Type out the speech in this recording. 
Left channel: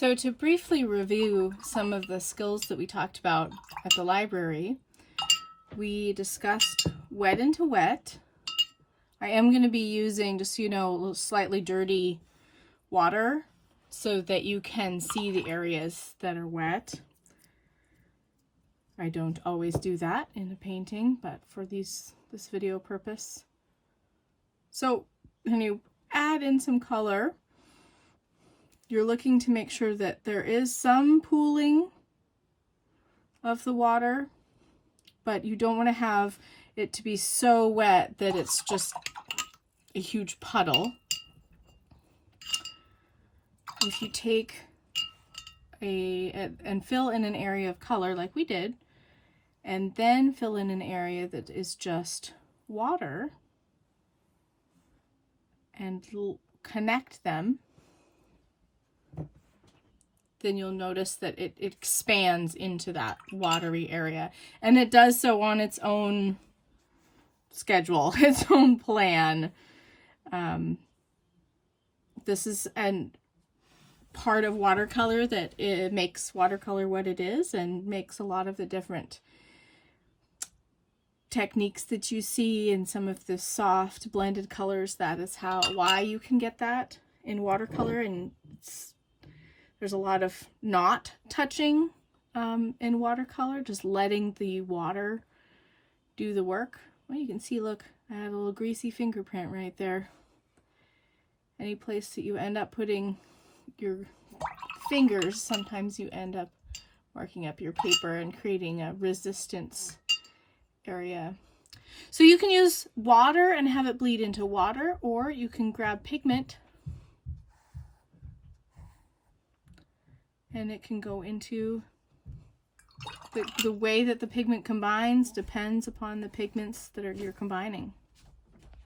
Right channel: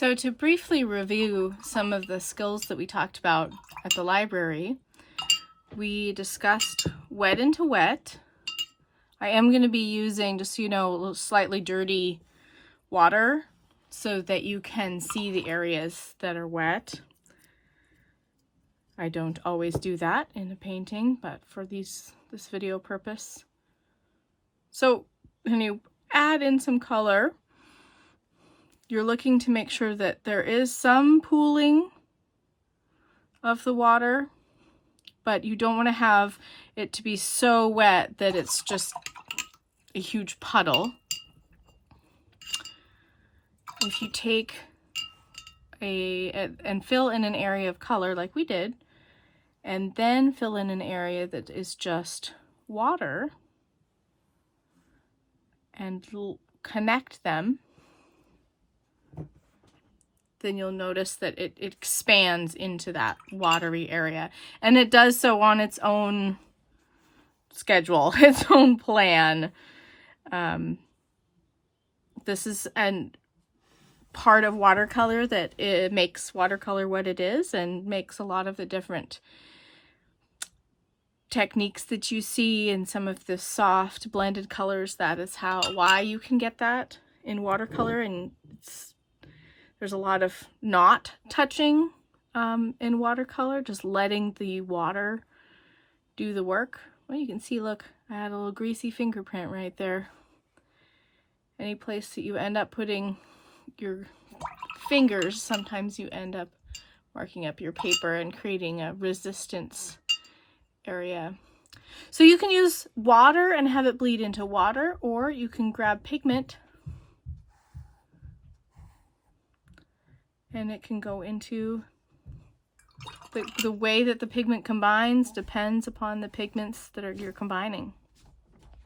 So to briefly review some of the skills that we talked about at the library, we discussed wet into wet. I am going to be using, just so you know, a little slightly dirty water so that you can see the areas that are wet. I don't always do that in a painting, but for this video purpose. So when you add in some color, you're looking to make sure that there is some pooling of the water, but you don't want to have it to be so wet that it's just a huge puddle. If you take and fill in an area of color like we did, and then fill in an area that is just water, and connect them, then you'll notice that it expands into that watery area. And it does so on its own schedule, its own plan. This is part of watercolor that it makes watercolor what it is, and makes a lot of the different techniques that you see in some of the soft blended colors. That is why you can get that in watercolor, and there's a lot of not touching in watercolor, just letting the water do the work. Well, you can see, look, I had a little greasy fingerprint right there. Any place that you end up putting your fingers, sometimes you end up marking up your paper and creating a resistance area. So you can use water and have it bleed into water, or you can grab pigment and it can go into the way that the pigment combines depends upon the pigments that you're combining.